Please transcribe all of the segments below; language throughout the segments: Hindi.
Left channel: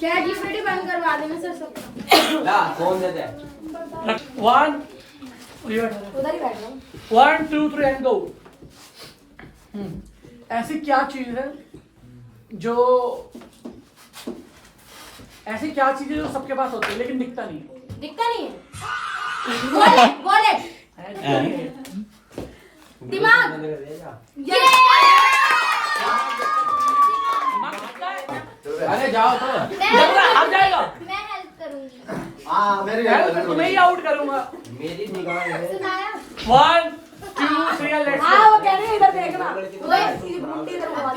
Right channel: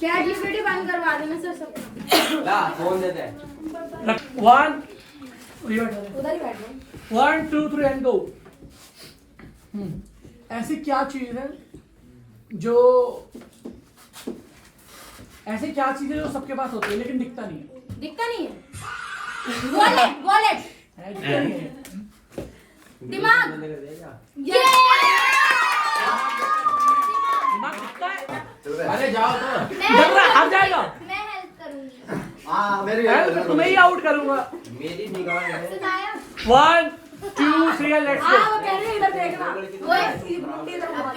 चैट जीपीटी बंद करवा देना सर सब। ला फोन दे दे। 1 उधर ही बैठ जाओ। 1 2 3 एंड गो। ऐसी क्या चीज है जो सबके पास होती है लेकिन दिखता नहीं है? दिखता नहीं है। Wallet wallet. दिमाग। ये अरे जाओ तो। मैं हेल्प करूंगी। हाँ मेरी तुम्हें ही आउट करूंगा। मेरी निगाह है। 1 2 3 लेट्स हाँ वो कह रहे हैं इधर देखना।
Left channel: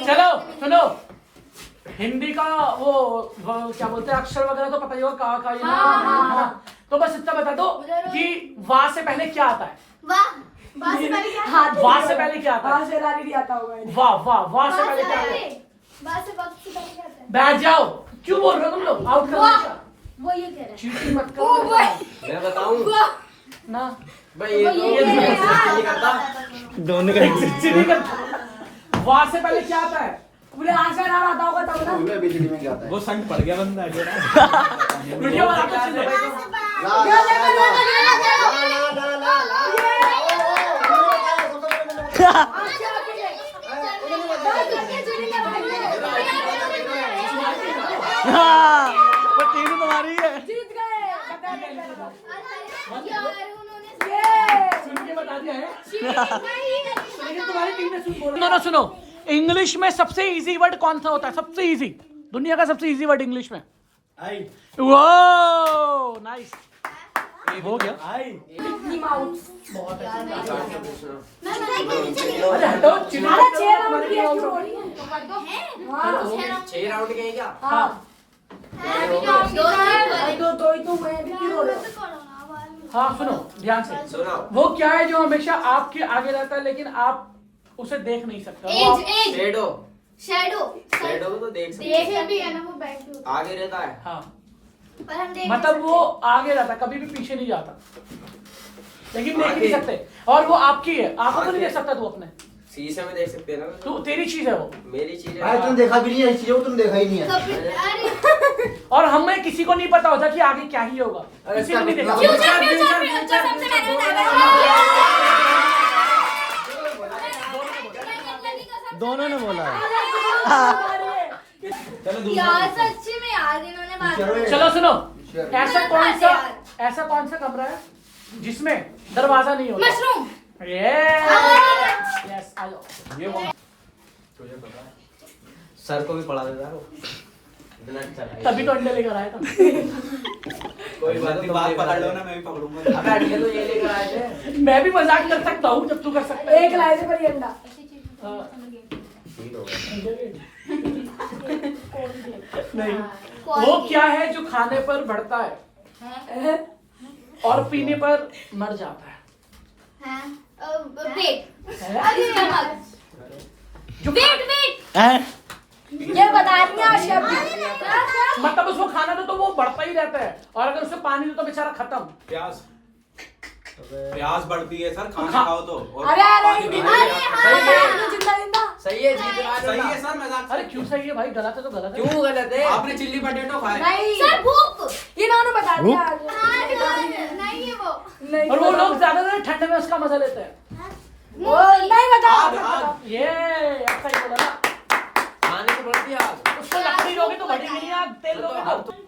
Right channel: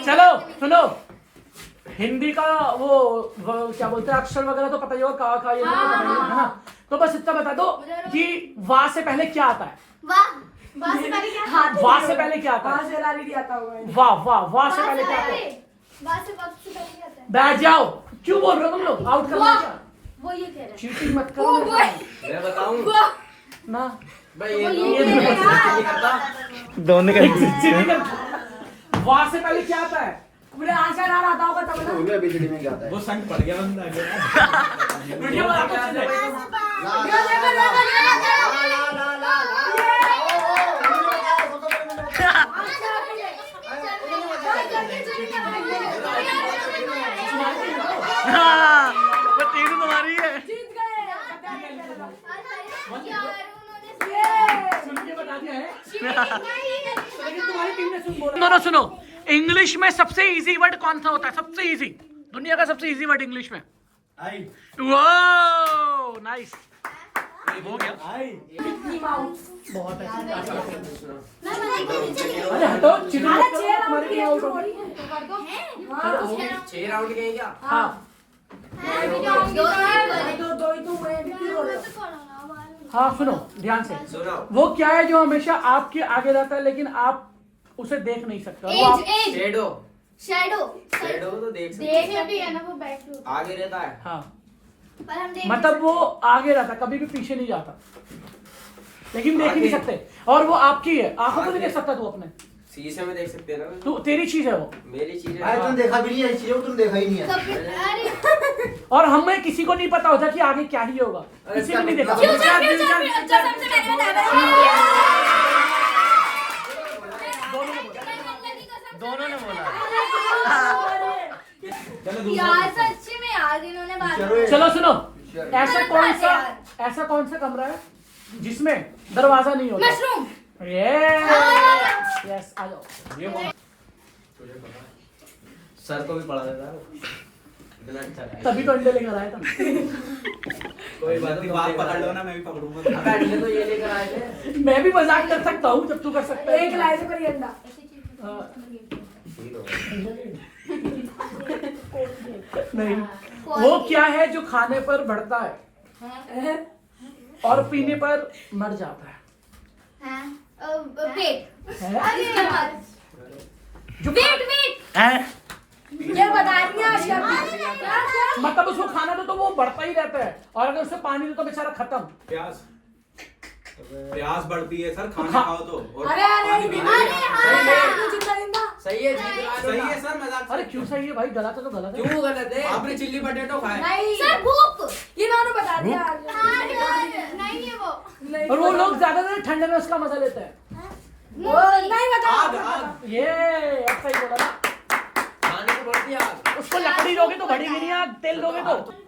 चलो सुनो, हिंदी का वो क्या बोलते हैं अक्षर वगैरह तो पता ही होगा, का ये हाँ। तो बस इतना बता दो कि वाह से पहले क्या आता है? वाह वाह से पहले क्या? वाह से पहले क्या आता है? हाँ शेरानी नहीं आता होगा। वाह वाह वाह से पहले क्या आता है? वाह से वक्त से पहले क्या आता है? बैठ जाओ, क्यों बोल रहे हो तुम लोग? आउट कर वाह। दो। वो ये कह रहे हैं। चीटिंग मत ओ करो वो मैं बताऊं ना। भाई वो ये कह रहे हैं यार। दोनों का चीटिंग कर। वाह से पहले क्या आता है? पूरे आशा ना आता होगा तब ना। मैं बिजली में जाता है। वो संग पड़ गया बंदा जो ना। वीडियो वाला कुछ नहीं। वो टीम तुम्हारी है। जीत गए। सुन के बता दिया है लेकिन तुम्हारी टीम ने सुन बोला। दोनों सुनो, इंग्लिश में सबसे इजी वर्ड कौन सा होता है? सबसे इजी, दुनिया का सबसे इजी वर्ड इंग्लिश में। आई वो नाइस हो गया। आई मिक्की माउस। अरे हटो, चिल्ला अरे 6 राउंड की है क्यों हो रही है? हाँ 6 राउंड के हैं क्या? हाँ दो ही तो हुए भी क्यों हो रहे हो? हाँ सुनो ध्यान से। सुनो वो क्या है जो हमेशा आपके आगे रहता है लेकिन आप उसे देख नहीं सकते? एज एज शेडो शैडो शेडो तो देख सकते देख भी है ना वो बैठ के आगे रहता है। हाँ पर हम देख मतलब वो आगे रहता, कभी भी पीछे नहीं जाता लेकिन देख ही नहीं सकते। और वो आपकी है, आंखों को नहीं देख सकता तू अपने, शीशे में देख सकते हैं ना। तू तेरी चीज है वो। मेरी चीज भाई है। तुम देखा भी नहीं है चीजों को, तुम देखा ही नहीं है। अरे और हमें किसी को नहीं पता होता कि आगे क्या ही होगा, अरे किसी को नहीं देखा। फ्यूचर, फ्यूचर जो सबसे मैंने बताया दोनों ने बोला है। चलो यार सच्ची में यार इन्होंने बात चलो सुनो, ऐसा कौन सा कमरा है जिसमें दरवाजा नहीं होता? मशरूम यस तुझे पता है सर को भी पढ़ा देता है वो। ब्लड चला तभी तो अंडे लेकर आया था। कोई बात नहीं, बात पकड़ लो ना, मैं भी पकड़ूंगा। अबे अंडे तो ये लेकर आए थे। मैं भी मजाक कर सकता हूँ जब तू कर सकता है। एक लाए थे पर ये अंडा। हाँ। ठीक हो नहीं, वो क्या है जो खाने पर बढ़ता है और पीने पर मर जाता है? वेट है? जो वेट वेट ये बता दिया शब्द। मतलब उसको खाना दो तो वो बढ़ता ही रहता है और अगर उसे पानी दो तो बेचारा खत्म। प्यास बढ़ती है सर, खाना खाओ तो। और अरे पानी पीना है। जिंदा जिंदा। सही है जीत रहा सही है सर, मजाक अरे क्यों सही है भाई? गलत है तो गलत है। क्यों गलत है? आपने चिल्ली पटेटो खाए। नहीं सर भूख इन्होंने बता दिया। नहीं है वो नहीं और वो लोग ज्यादातर ठंड में उसका मजा लेते हैं। वो नहीं बता। आग आग। ये ऐसा ही बोला ना। खाने को बढ़ती है आग। उसको लकड़ी दोगे तो बढ़ेगी नहीं आग, तेल दोगे तो।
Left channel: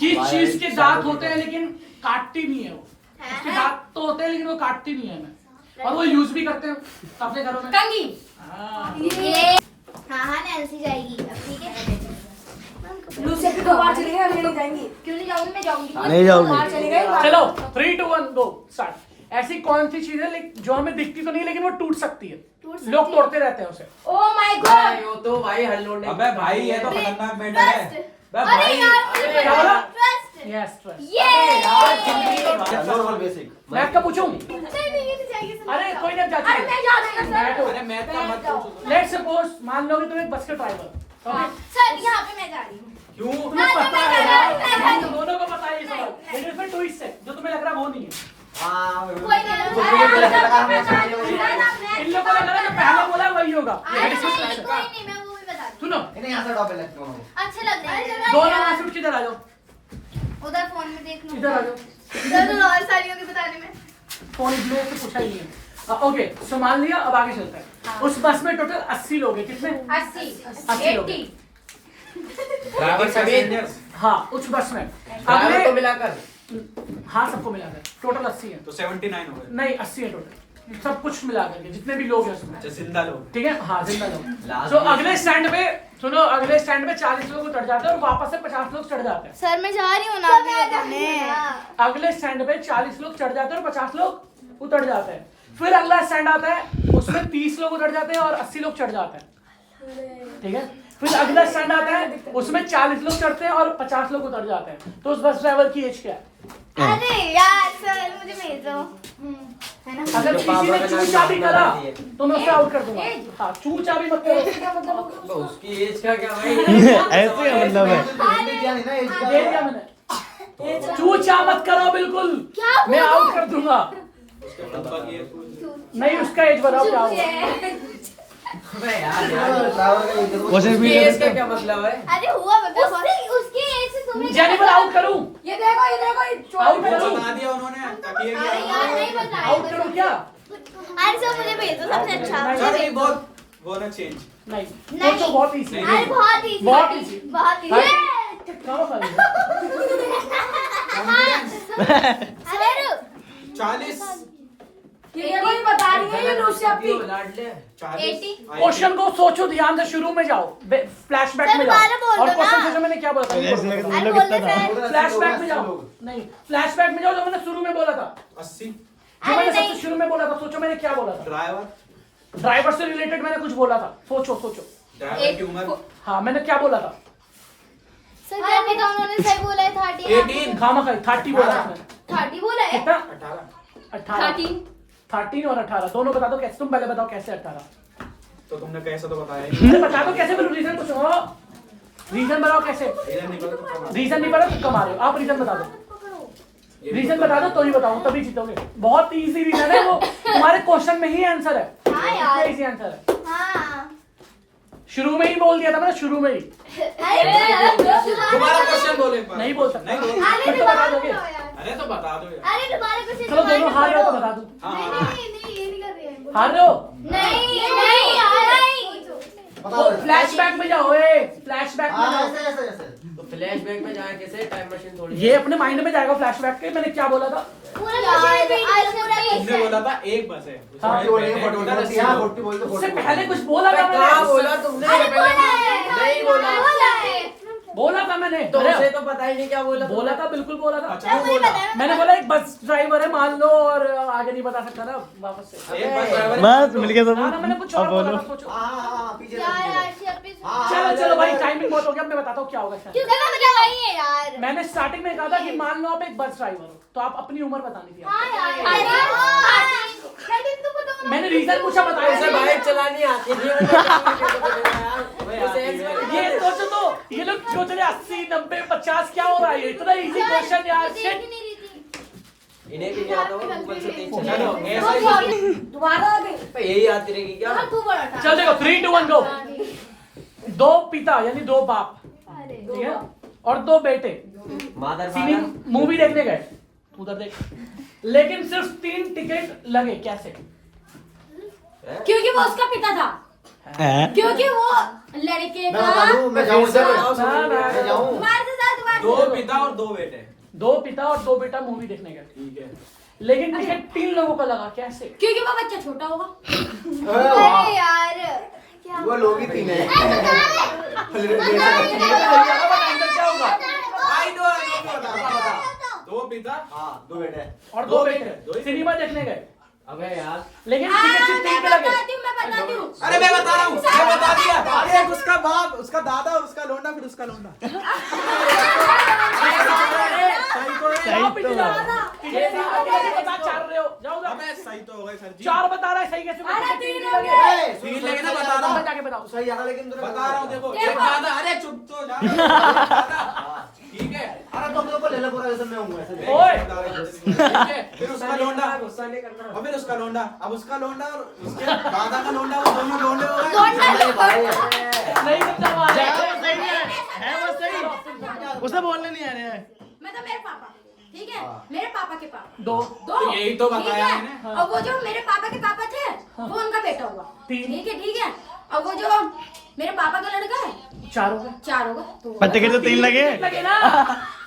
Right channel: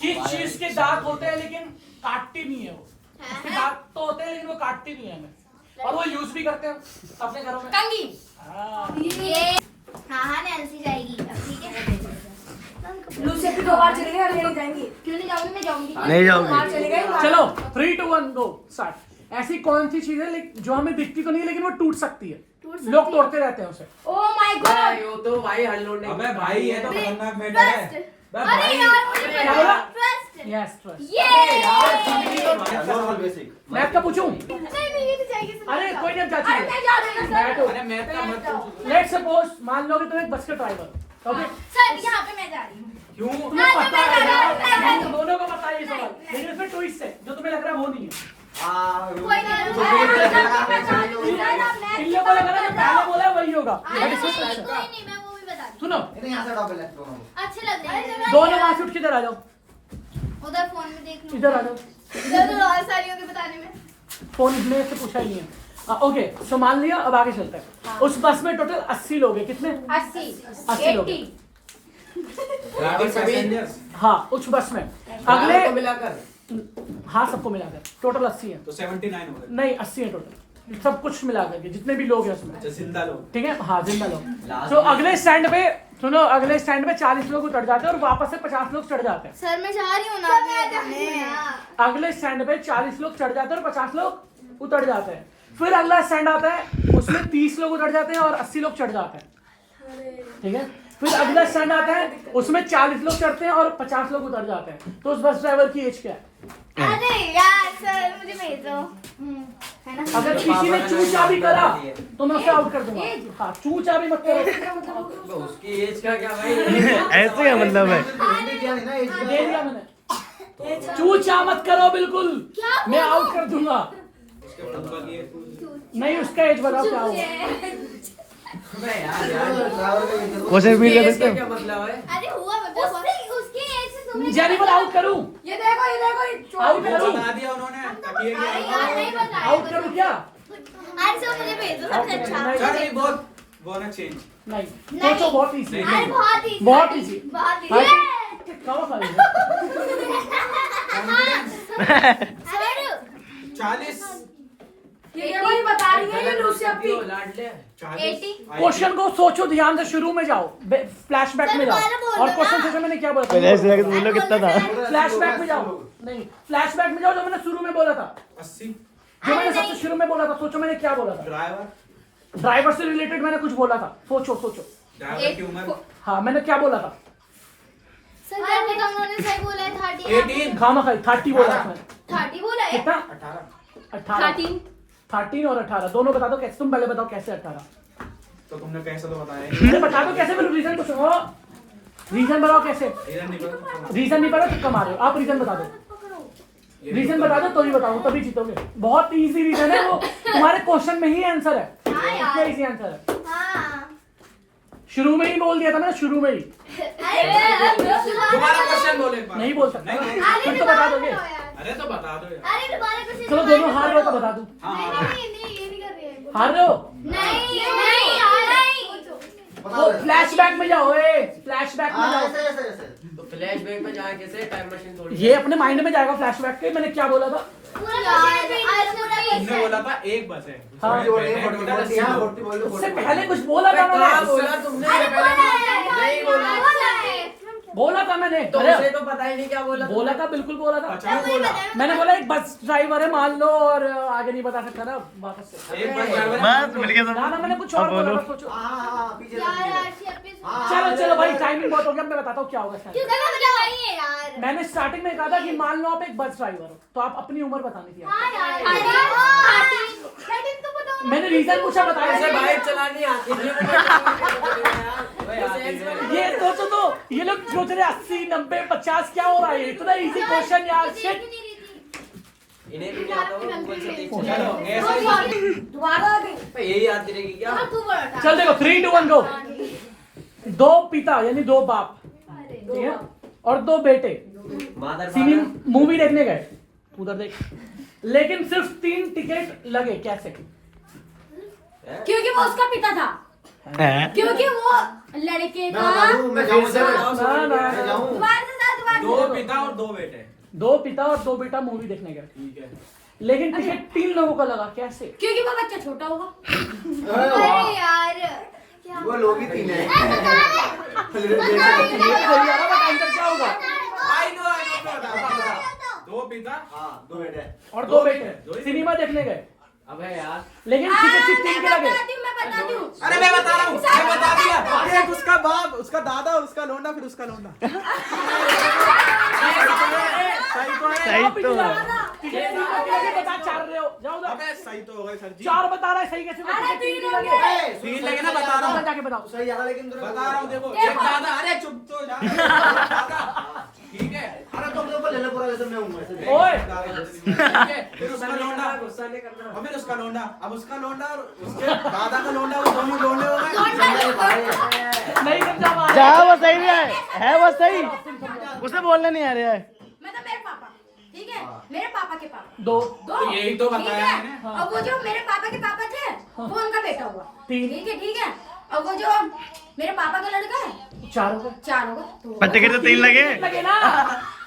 किस चीज के दांत होते हैं लेकिन काटती नहीं है वो? उसके दांत तो होते हैं लेकिन वो काटती नहीं है हमें, और वो यूज भी करते हैं अपने घरों में। कंगी हाँ। ये हाँ नैन्सी जाएगी अब ठीक है। लूसे की 2 बार चली गई और ये नहीं जाएंगी। क्यों नहीं जाऊंगी? मैं जाऊंगी। नहीं जाओगी। बाहर चली गई। चलो 3 2 1 गो स्टार्ट। ऐसी कौन सी चीज है जो हमें दिखती तो नहीं लेकिन वो टूट सकती है? लोग तोड़ते रहते हैं उसे। ओ माय गॉड वो तो भाई हल्लोड़ अबे भाई ये तो खतरनाक मैटर है। ट्रस्ट। बे अरे भाई यार क्या बोला? Trust yes trust. ये नॉर्मल बेसिक। मैं आपका पूछूं? नहीं ये तो चाहिए अरे कोई नहीं जाती अरे मैं जा रही हूं सर। अरे मैं तो मत पूछो। लेट्स सपोज मान लो कि तुम एक बस के ड्राइवर, ओके? सर यहाँ पे मैं जा रही हूँ। क्यों? तुम्हें पता है यार, तुम दोनों को पता है ये सवाल, लेकिन इसमें ट्विस्ट है जो तुम्हें लग रहा है वो नहीं है। कोई नहीं इन लोगों को लग रहा है जो पहले बोला वही होगा। कोई नहीं मैं वो भी बता दूँ। सुनो इन्हें यहाँ से हटाओ पहले दोनों को। अच्छे लग रहे हैं दोनों वहां से उठ के इधर आ जाओ, उधर फोन में देख लो इधर आ जाओ। इधर और सारी होगी बताने में फोन में से पूछा ही नहीं है। ओके सो मान लिया, अब आगे चलते हैं। उस बस में टोटल 80 लोग हैं। कितने? 80 लोग हैं। 80 ड्राइवर पैसेंजर्स हाँ उस बस में ड्राइवर अगले को मिलाकर हाँ सबको मिलाकर टोटल 80 है। तो 79 हो गए। नहीं 80 है टोटल, सब कुछ मिलाकर के जितने भी लोग हैं उसमें। अच्छा जिंदा लोग। ठीक है हाँ जिंदा लोग। Last तो में- अगले स्टैंड पे सुनो, अगले स्टैंड पे 40 लोग उतर जाते हैं और वापस से 50 लोग चढ़ जाते हैं। सर मैं जा रही हूँ ना अगले स्टैंड पे 40 लोग चढ़ जाते हैं और 50 लोग उतर जाते हैं। फिर अगला स्टैंड आता है, उसमें 30 लोग उतर जाते हैं और 80 लोग चढ़ जाते हैं। ठीक है, फिर अगला स्टैंड आता है, उसमें 40 लोग चढ़ते हैं और 50 लोग उतर जाते हैं। तो उस बस ड्राइवर की एज क्या है? अरे यार सर मुझे भेज दो है ना अगर किसी ने चूचा भी करा तो मैं उसे आउट कर दूंगा। हाँ चूचा भी मत करो। तो उसकी एज का क्या भाई? ऐसे क्या मतलब है? हिंदी क्या नहीं ना एज दे दिया मैंने। चूचा मत करो बिल्कुल, मैं आउट कर दूंगा। उसके पापा की है। नहीं उसका एज बताओ क्या होगा। अबे यार ड्राइवर का इधर क्वेश्चन भी ले एज सकते का हैं। क्या मतलब है? अरे हुआ बता उसकी एज से तुम्हें जानी पर आउट करूं? ये देखो आउट वो करूं? बता दिया उन्होंने ताकि ये अरे यार नहीं बताया आउट करूं क्या? अरे सर मुझे भेज दो सबसे अच्छा नहीं बहुत वो ना चेंज। नहीं नहीं। सोचो, बहुत इजी है। अरे बहुत इजी बहुत easy। बहुत easy करो खाली। सर 40 ये कोई बता रही है ये लूसी अपनी लाडले 80 क्वेश्चन को सोचो ध्यान से, शुरू में जाओ, फ्लैशबैक में सर, जाओ। दोबारा बोल और दो क्वेश्चन ना। सोचो मैंने क्या बोला पहले था। ऐसे लगे तो बोलो कितना था? फ्लैशबैक में जाओ। नहीं फ्लैशबैक में जाओ, जो मैंने शुरू में बोला था, 80 जो मैंने सबसे शुरू में बोला था। सोचो मैंने क्या बोला था। ड्राइवर ड्राइवर से रिलेटेड मैंने कुछ बोला था। सोचो सोचो। ड्राइवर की उम्र हाँ मैंने क्या बोला था? सर करने तो उन्होंने सही बोला है 30 18 खामा खाई 30 बोला था मैंने। 30 बोला है कितना? 18 18 13 और 18 दोनों बता दो कैसे। तुम पहले बताओ कैसे 18? तो तुमने कैसे तो बताया ही मैंने बता दो कैसे, मेरे रीजन तो सुनो। रीजन बताओ कैसे। रीजन नहीं पता तो कम रीजन नहीं पता तो कमा रहे हो आप। रीजन बता दो, रीजन बता दो तो ही बताऊं तभी जीतोगे। बहुत इजी रीजन है वो, तुम्हारे क्वेश्चन में ही आंसर है। हाँ यार। इतना इजी आंसर है। हाँ शुरू में ही बोल दिया था मैंने, शुरू में ही। दोबारा क्वेश्चन बोले एक बार। नहीं बोल सकता। नहीं अरे फिर तो दोबारा बता दोगे। बोलो यार। अरे तो बता दो यार। अरे दोबारा कुछ चलो दोनों हार रहे हो तो बता दूं। हाँ नहीं हाँ नहीं नहीं ये नहीं कर रही है हार रहे हो नहीं नहीं नहीं बताओ तो फ्लैशबैक में जाओ। फ्लैशबैक में हाँ जाओ। ऐसे ऐसे ऐसे तो फ्लैशबैक में जाके कैसे टाइम मशीन थोड़ी ये अपने माइंड में जाएगा फ्लैशबैक के। मैंने क्या बोला था? पूरा यार तुमने बोला था एक बस है हाँ, उसमें बोल रहे पहले हैं, टोटल 40 हाँ 40 बोल दो उससे 40 पहले कुछ बोला था कहाँ मैंने। बोला तुमने? नहीं बोला। बोला था मैंने। तो अरे उसे तो पता ही नहीं क्या बोला। बोला था, बिल्कुल बोला था। अच्छा बोला मैंने बोला एक बस ड्राइवर है मान लो, और आगे नहीं बता सकता ना वापस से। एक बस ड्राइवर है, बस मिल गया ना, ना, मैंने कुछ सब। और अब बोला बोलो। था, सोचो। हाँ हाँ हाँ पीछे यार पीछे। आरसी अपनी हाँ, चलो चलो भाई टाइमिंग बहुत हो गया, अब मैं बताता हूँ क्या होगा इसमें। क्यों करना मतलब वही है यार मैंने स्टार्टिंग में कहा था कि मान लो आप एक बस ड्राइवर हो तो आप अपनी उम्र बतानी थी। हाँ यार 30 तो बताओ ना मैंने रीजन पूछा, बताया उसे इसे बाइक चलानी आती थी। ये सोचो तो ये लोग सोच रहे 80 90 50 क्या हो रहा है। इतना इजी क्वेश्चन यार। देख ही नहीं रही थी इन्हें भी नहीं आता वो गूगल से देख चलो चलो। ऐसा ही दोबारा आ गई यही आती रहेगी क्या? हाँ तू बड़ा था चलो देखो 3 2 1 गो। दो पिता यानी दो बाप, ठीक है, और दो बेटे मादर सीधी मूवी देखने गए। उधर देख, लेकिन सिर्फ 3 टिकट लगे। कैसे? क्योंकि वो उसका पिता था, हैं? क्योंकि वो लड़के मैं बता का दूं मैं जाऊँ फिर से सर बताओ, मैं जाऊँ दोबारा से साथ दोबारा दो पिता और दो बेटे। दो पिता और दो बेटा मूवी देखने गए, ठीक है लेकिन टिकट 3 लोगों का लगा। कैसे? क्योंकि वो बच्चा छोटा होगा। अरे अरे वाह यार क्या वो लोग ही तीन है क्या होगा? आई नो बता दो पिता हाँ दो बेटे और दो दो बेटे। बेटे सिनेमा देखने गए, अबे यार लेकिन टिकट सिर्फ 3 के लगे। मैं बताती हूँ अरे मैं बता रहा हूँ मैं बता दिया। एक उसका बाप उसका दादा और उसका लोंडा फिर उसका लोंडा। सही तो है। चार रहे हो, जाओ जाओ। अबे सही तो हो गए सर जी। 4 बता रहा है, सही कैसे? अरे 3 हो गए। ए, तीन लगे ना बता रहा हूँ। जाके बताओ। सही आ रहा लेकिन तुम बता रहा हूँ देखो एक दादा अरे चुप तो जा। ठीक है अरे तुम लोग को ले लो पूरा जैसे मैं हूँ ऐसे ओए। फिर उसका लोंडा गुस्सा नहीं करना। और फिर उसका लोंडा, अब उसका लोंडा और उसके दादा का लोंडा, वो दोनों लोंडे हो गए। नहीं समझा पाया। जा वो सही है वो सही। उसे बोलने नहीं आ रहा है। मतलब मेरे पापा, ठीक है, मेरे पापा के पापा दो। दो, यही तो ठीक बताया है? मैंने। और वो जो मेरे पापा के पापा थे वो उनका बेटा हुआ, तीन। ठीक है। और वो जो मेरे पापा का लड़का है 4 होगा। 4 होगा। तो पर टिकट तो 3 लगे। लगे ना।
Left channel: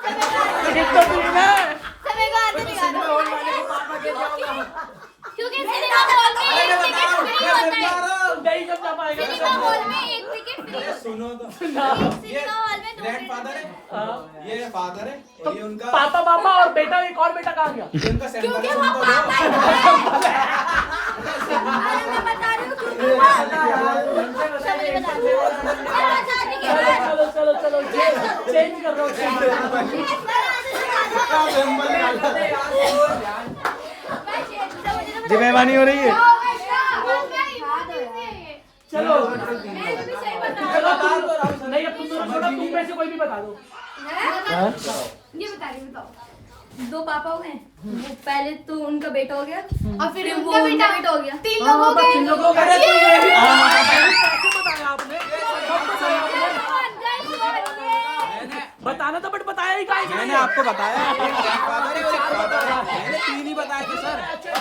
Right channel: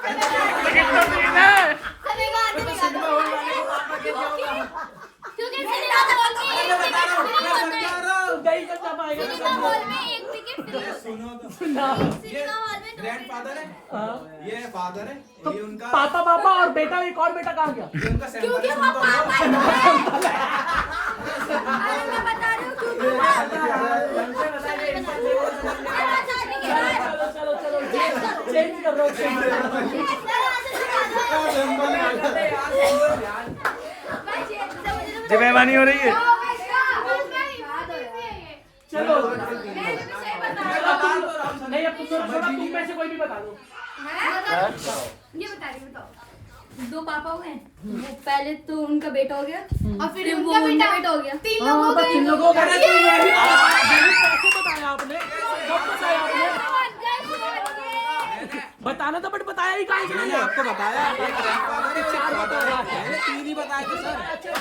टिकट तो 3 है। समय का अर्थ निकाल दो। क्योंकि सिनेमा हॉल में एक टिकट फ्री होता है। नहीं समझा पाएगा। सिनेमा हॉल में एक टिकट फ्री होता है। सुनो तो, सिनेमा हॉल में 2 ग्रैंडफादर है, ये फादर है, ये उनका, पापा और बेटा, एक और बेटा कहाँ गया? ये उनका सेंटर क्योंकि है, वो सुनो तो। पापा ही है। अरे मैं बता रही हूँ क्योंकि वो समय बता दो। चलो चेंज कर दो। जी मेहमानी हो रही है। चलो नहीं, अब तुम दोनों छोड़ो, तुम में से कोई भी बता दो। ये बता रही हूँ, बताओ। 2 पापा हुए, वो पहले तो उनका बेटा हो गया और फिर वो उनका बेटा हो गया। 3 लोग हो गए। 3 लोग हो गए। कैसे बताया आपने? कब बताया आपने? बताना था, बट बताया ही कहाँ है? मैंने आपको बताया, एक ग्रैंडफादर है और एक फादर है। मैंने 3 ही बताए थे सर। सर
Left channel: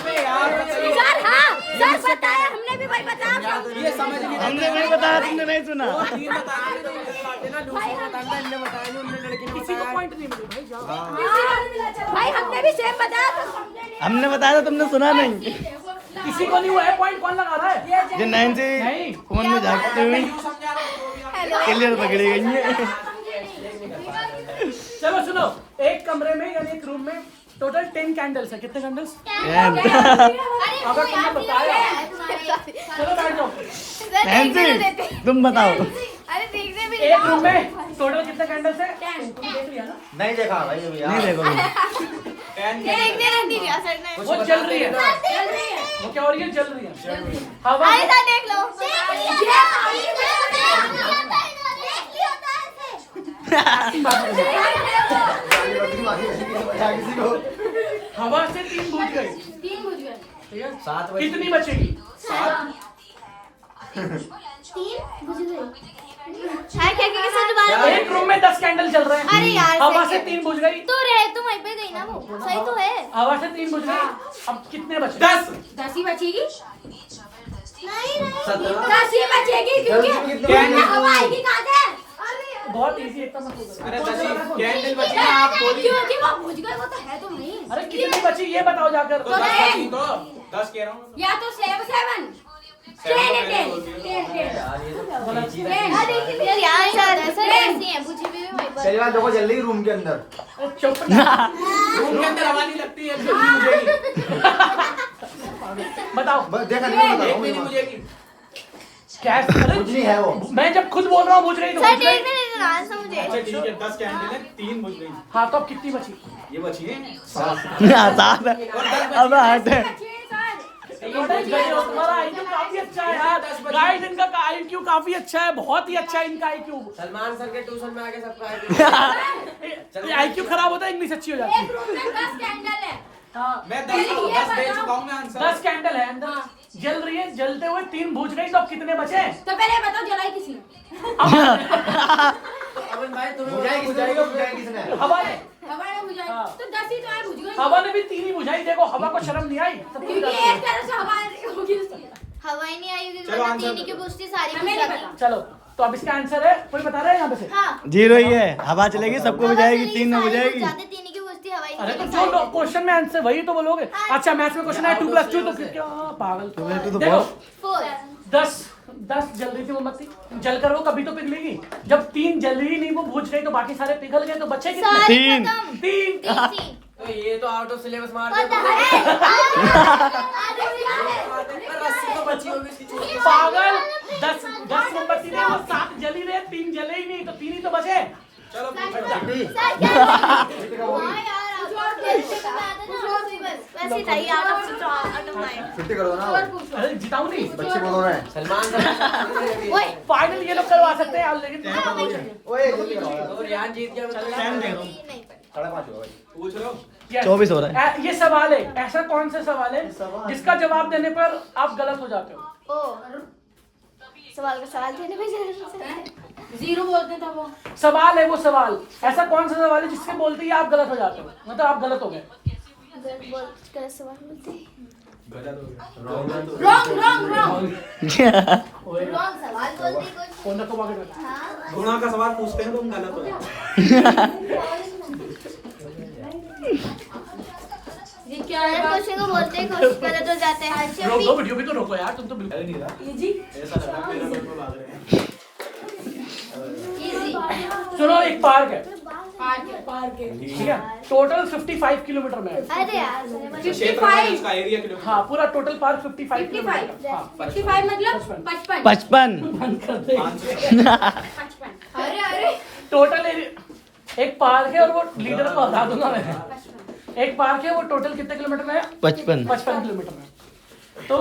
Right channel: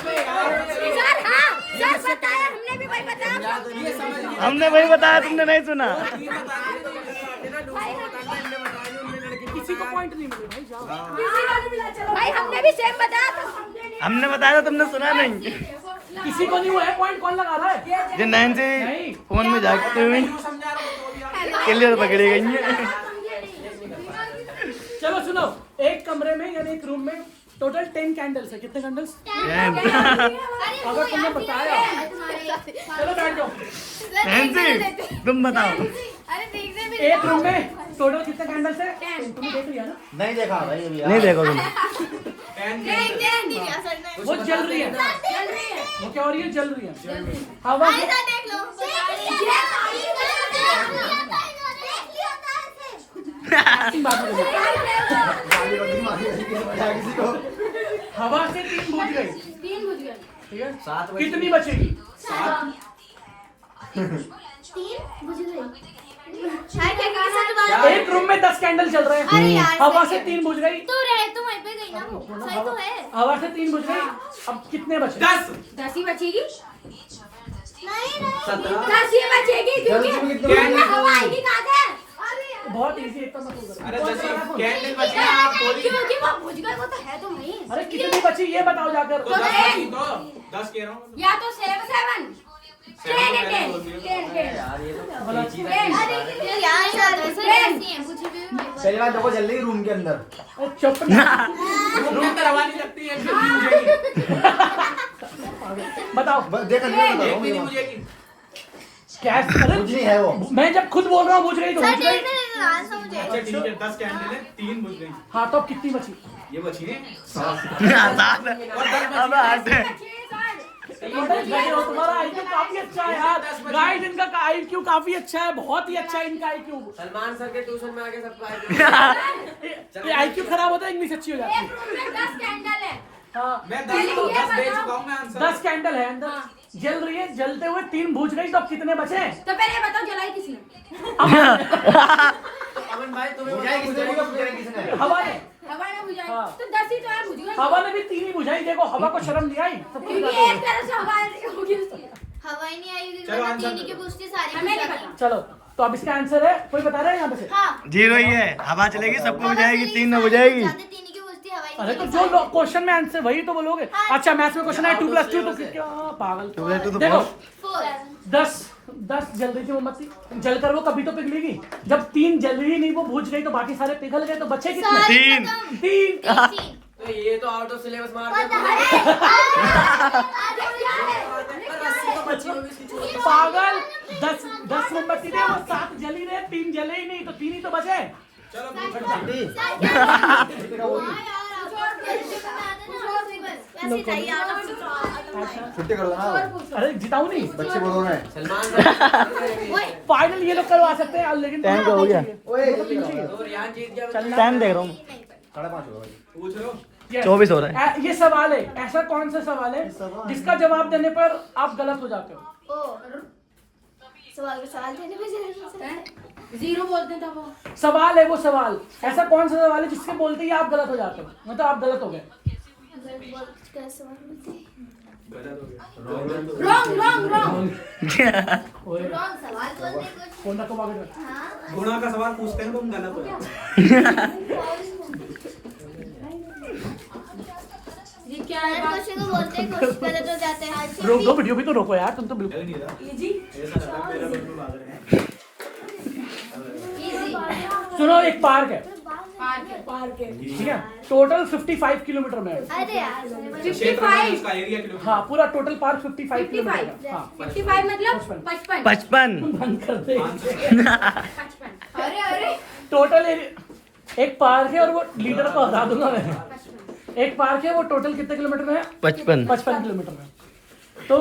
हाँ, सर बताया, हमने भी वही बताया। ये समझ नहीं, हमने वही बताया, तुमने नहीं सुना। 3 बताए थे। किसी को पॉइंट नहीं मिले भाई, जाओ। भाई हमने भी सेम बताया था। हमने बताया था, तुमने सुना नहीं। किसी को नहीं हुआ है पॉइंट, कौन लगा रहा है? जो 9 से नहीं। फोन में झाँकते हुए क्लियर पकड़ी गई है। चलो सुनो, एक कमरे में यानी एक रूम में टोटल 10 कैंडल्स है। कितने कैंडल्स? अरे वो यार नहीं है। चलो बैठ जाओ। नैन्सी, तुम बताओ। अरे देखने भी एक रूम में टोटल कितने कैंडल्स है? 10। देख लिया ना? नहीं देखा भाई अभी नहीं देखो तुम। देखने नहीं दिया सर ने। वो जल रही है। चल रही है। वो क्या हो रही है? जल रही है। हवा अरे सर देख लो। हवा से 3 बुझ गए। 3 बुझ गए। ठीक है, 7 बजे कितनी बचेगी? 3 बुझ गई। क्या सर दोबारा? एक रूम में 10 कैंडल चल रहे हैं। अरे यार हवा सही से है। 3 बुझ गई। तो रहे तो वहीं पे गई ना वो। सही तो है। हवा से 3 बुझ गई। अब कितने बचे? 10। 10 ही बचेगी। नहीं 10 ही बचेगी क्योंकि हवा आएगी कहाँ से? बहुत इजी, एकदम मत करो। अरे 10 कैंडल बची है, आप बोलिए। क्योंकि वो बुझ गए, वो तो है तो नहीं। अरे कितनी बची ये बताओ जाकर। तो 10 बची तो 10 कह रहा हूँ। या तो 7 10 यार सर ऐसे ऐसी हैं बुझी भी वहीं पर। पहली बार देखो जल रही रूम के अंदर। चुप। रूम के अंदर हवा नहीं लगती है, क्यों नहीं मुझेगी? बताओ देखा एक भी नहीं मुझेगी। क्या? अरे कुछ नहीं है वो। मैं जब खुद बोल रहा हूँ बुझ रही तो सर बुझ रही। देखने नहीं रहा है मुझे। अच्छा ठीक है, 10 कैंडल है, 3 बुझ गई। हाँ तो अब कितनी बची? ये बची है 7। आसान है। अब हंसे। तुम्हारा IQ काफी अच्छा है यार। गाइस इनका IQ काफी अच्छा है, बहुत ही अच्छा है इनका IQ। सलमान सर के ट्यूशन में आके सबको ये IQ खराब होता है, इंग्लिश अच्छी हो जाती है। एक रूम में 10 कैंडल है। हाँ मैं 10 दे चुका हूँ मैं आंसर। 10 कैंडल है अंदर, जल रही है, जलते हुए 3 बुझ गई, तो अब कितने बचे? तो पहले बताओ जलाई किसने? अमन भाई तुम्हें बुझाई किसने? हवा ने। हवा ने बुझाई। हाँ। तो 10 ही तो है, बुझ गई। हवा ने भी 3 ही बुझाई। देखो हवा को शर्म नहीं आई। क्योंकि एक तरह से हवा होगी उसकी। हवा ही नहीं आई होगी चलो वरना आंसर तीन ही की पूछती सारी हमें नहीं पूछ जाती। पता। चलो तो अब इसका आंसर है, कोई बता रहा है यहाँ पे से? हाँ 0 ही है। हवा चलेगी, सबको बुझाएगी, 3 में बुझाएगी। तीन ही की पूछती हवा ही अरे तो नहीं जो क्वेश्चन में आंसर वही तो बोलोगे। अच्छा मैथ्स में क्वेश्चन है 2 + 2 तो फिर क्या पागल। 2 + 2 तो देखो बहुत। 4 10 जल रही थी मोमबत्ती, जलकर वो कभी तो पिघलेगी। जब 3 जल ही नहीं, वो बुझ गई, तो बाकी सारे पिघल गए, तो बचे कितने? सारी 3 खत्म। 3। 3 तो ये तो आउट ऑफ सिलेबस मार पता दिया। है तो बची होगी इसकी छुट्टी। पागल। 10 मोमबत्ती थे, वो 7 जल ही रहे, 3 जले ही नहीं, तो 3 ही तो बचे। चलो वैसे ही चाहिए आउट ऑफ 9 छुट्टी कर दो ना। अरे जिताऊ नहीं। बच्चे बोल रहे हैं सलमान सर। फाइनल ये लोग करवा सकते हैं, लेकिन टाइम तो हो गया। ओए जल्दी करो यार। तो रियान जीत गया। टाइम देख रहा हूँ। 5:30 हो गए। पूछ लो। 24 हो रहा ये सवाल है, ऐसा कौन सा सवाल है जिसका जवाब देने पर आप गलत हो जाते हो? सवाल का सवाल देने में जीरो बोलते हैं तब वो सवाल है वो सवाल, ऐसा कौन सा सवाल है जिसके बोलते ही आप गलत हो जाते हो, मतलब आप गलत हो गए। सवाल बोलते हैं गलत हो गया। रॉन्ग सवाल कौन सा कबाब है? गुणों का सवाल पूछते हैं तो हम गलत हो जाते ये क्या है? क्वेश्चन को बोलते हैं कुछ गलत हो जाते हैं। रोक दो वीडियो भी तो रोको यार, तुम तो हैं। नहीं रहा इजी ऐसा लग रहा है मेरे मन में भाग रहे हैं। सुनो, एक पार्क है, पार्क है ठीक है, टोटल 55 किलोमीटर में है। अरे यार क्षेत्र में उसका एरिया किलोमीटर। हाँ, पूरा टोटल पार्क 55 किलोमीटर। हाँ, 55 मतलब 55 55 बंद कर दे। 55 अरे टोटल एक पार्क है और वो लीडर को हटा दूंगा मैं। एक पार्क है, वो टोटल कितने किलोमीटर में है? 55 किलोमीटर में। तो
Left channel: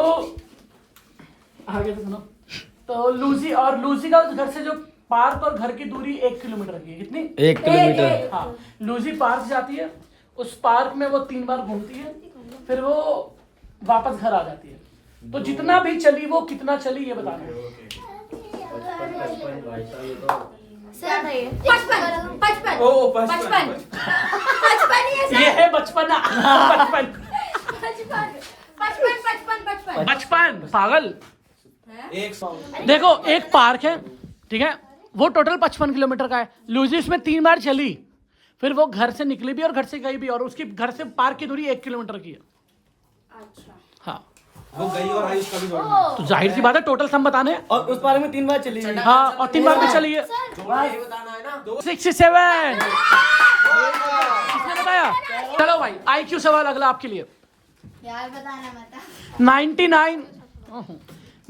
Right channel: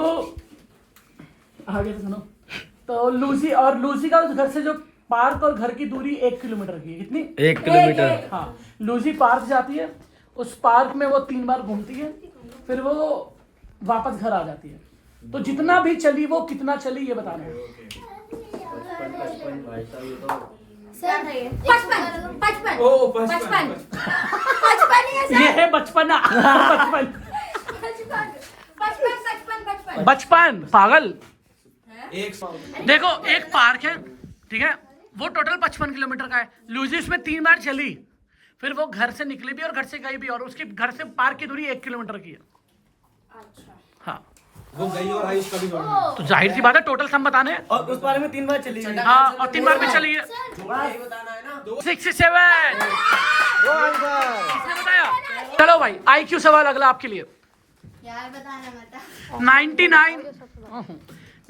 आगे सुनो, तो लूसी का घर से जो पार्क और घर की दूरी 1 किलोमीटर की है। कितनी? 1 किलोमीटर। हाँ, लूसी पार्क जाती है, उस पार्क में वो 3 बार घूमती है, फिर वो वापस घर आ जाती है। तो जितना भी चली वो कितना चली ये बताना है। 55 ओ 55 ये है बचपना। बचपन पागल। 100 देखो, एक पार्क है, ठीक है, वो टोटल 55 किलोमीटर का है। लूजी उसमें 3 बार चली, फिर वो घर से निकली भी और घर से गई भी, और उसकी घर से पार्क की दूरी 1 किलोमीटर की है। हाँ, वो गई और आई उसका भी जोड़ तो जाहिर सी बात है टोटल सम बताने हैं। और उस बारे में 3 बार चली गई। हाँ, और 3 बार भी चली है। यही बताना है ना। 67 किसने बताया? चलो भाई, IQ सवाल अगला आपके लिए। यार बताना मत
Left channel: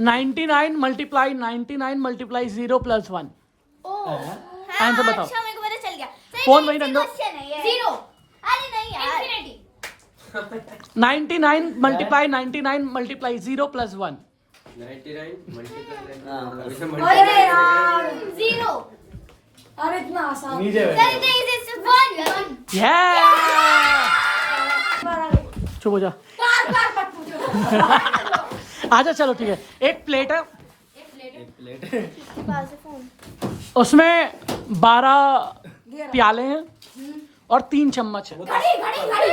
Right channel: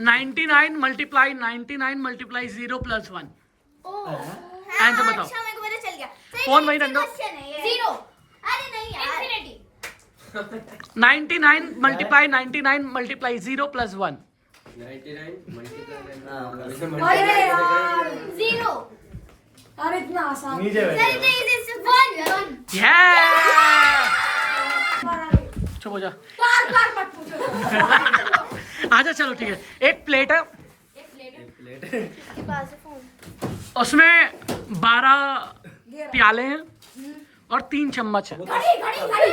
99 मल्टीप्लाई 0 + 1। आंसर बताओ। अच्छा मेरे को पता चल गया। फोन वहीं रख दो। जीरो। अरे नहीं यार इंफिनिटी 99 मल्टीप्लाई 0 + 1। 99 अरे यार जीरो। अरे इतना आसान। नीचे बैठ। वन चुप हो जा। बार मत पूछो। आजा, चलो ठीक है। एक प्लेट है, प्लेट उसमें 12 प्याले हैं और 3 चम्मच है। घड़ी घड़ी घड़ी